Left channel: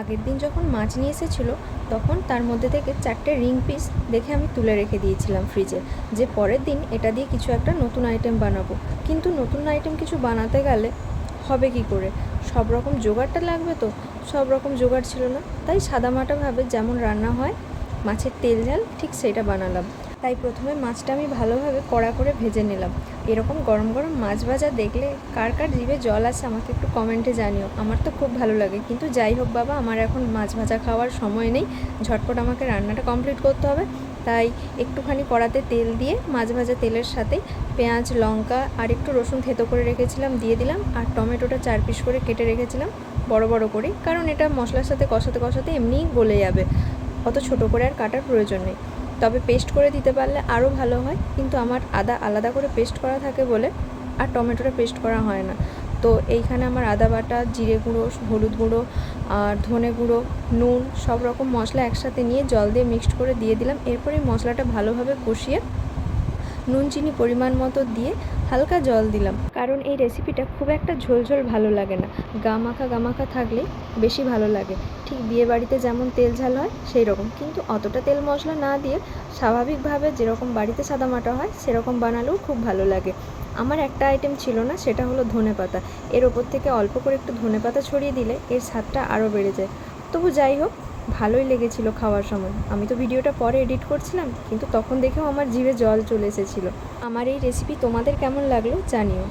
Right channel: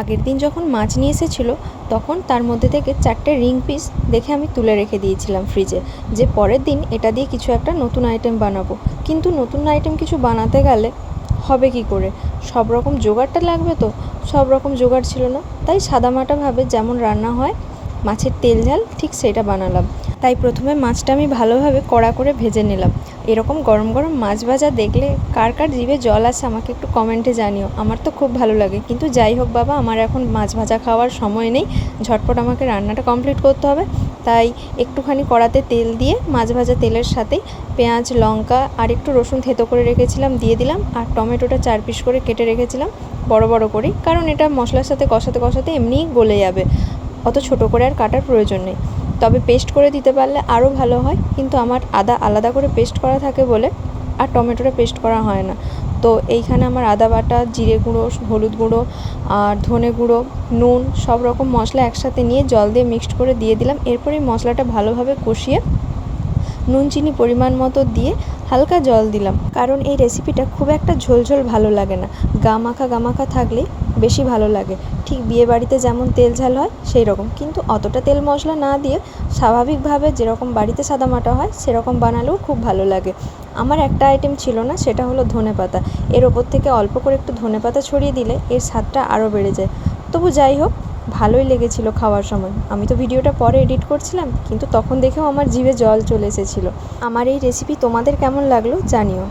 আগের দিন যখন মাছ নিয়ে এসেছিল, তখন তার মধ্যে থেকে চারটে রিং পিস দেখে আমি তুলে রেখে দিয়েছিলাম ফ্রিজে, যে পরের দিন এটা দিয়ে কিছু একটা নতুন আইটেম বানাবো। কিন্তু নতুন আইটেম কিছু বানাতে গেলে হবে কি করে? সব রকম জোগাড়টা লাগবে তো? সব রকম জোগাড় ছিল না, তাই সাদামাটাভাবে যেমন রান্না হয় মাছের তেল ঝাল, ঠিক সেটা বানালাম। তাই প্রথমে মাছটা আমি ভালোভাবে কড়া করে ভেজে নিলাম। এরকম গরম গরম মাছ ভাজা দেখলে কার কার জিভে জল আসে আমাকে একটু কমেন্টে জানিও। আমার তো খুব ভালো লাগে। কিন্তু যাই হোক বাবা, আমার এখন মাছ ভাজা খাওয়ার সময় নেই। ঝটপট আমাকে রান্নাটা কমপ্লিট করতে হবে। তাই একটুখানি কড়াতে তেল দিয়ে মাছ ভাজা তেলের সাথেই পেঁয়াজ, লঙ্কা আর একটু রসুন থেতো করে রেখেছিলাম, দিয়ে দিলাম। আর টমেটোটা চার পিস করে কেটে রেখেছিলাম, বড় বড় করেই। কারণ এটা মশলার সাথে কষাতে কষাতে এমনিই গলে যাবে। অত ছোট করে আর কাটার প্রয়োজন নেই। তবে পেস্ট করে দিতে পারলে আরও ভালো হয়, কিন্তু আমার আদা আলাদা করে পেস্ট করা থাকে বলে আর টমেটোটা পেস্ট করা হয় না। তো এইখানে আমার আদা বাটা, জিরে গুঁড়ো, হলুদ গুঁড়ো আর ধনে গুঁড়ো, নুন সব রকম মশলা একসাথে নিয়ে জল দিয়ে মিক্সড করে দিয়ে দিলাম। এরপর মশলাটা ভালোভাবে কষিয়ে নুন, চিনি পরিমাণ মতো দিয়ে হালকা জল দিলাম। কারণ এই রেসিপিটা খুব একটা ঝোলঝোল ভালো লাগে না। গা মাখা গা মাখা থাকলে বেশি ভালো লাগে। ঠিক বিয়ে বাড়িতে যেমন তেল ঝাল হয় সেই রকম কিন্তু অতটা তেল মশলা না দিয়ে স্বাভাবিকভাবে যেরকম বাড়িতে সাদামাটা হয়, সেরকম বানালেও খুব ভালো লাগে। আমার একটা আইটেম ছিল না, সেটা হলো ধনে পাতা। এর ওপর থেকে অল্প করে একটু ধনে পাতা ছড়িয়ে দিলে এর স্বাদটা আরও বেড়ে যায়। তবু যাই হোক, ভালোই লেগেছিল খাওয়ার সময়। আমি তো ভিডিওটা পরে এডিট করছিলাম, কিন্তু তখন দেখেও আমার জিভে জল চলে এসেছিল। আমার এই রেসিপি তোমাদের কেমন লাগল জানিও।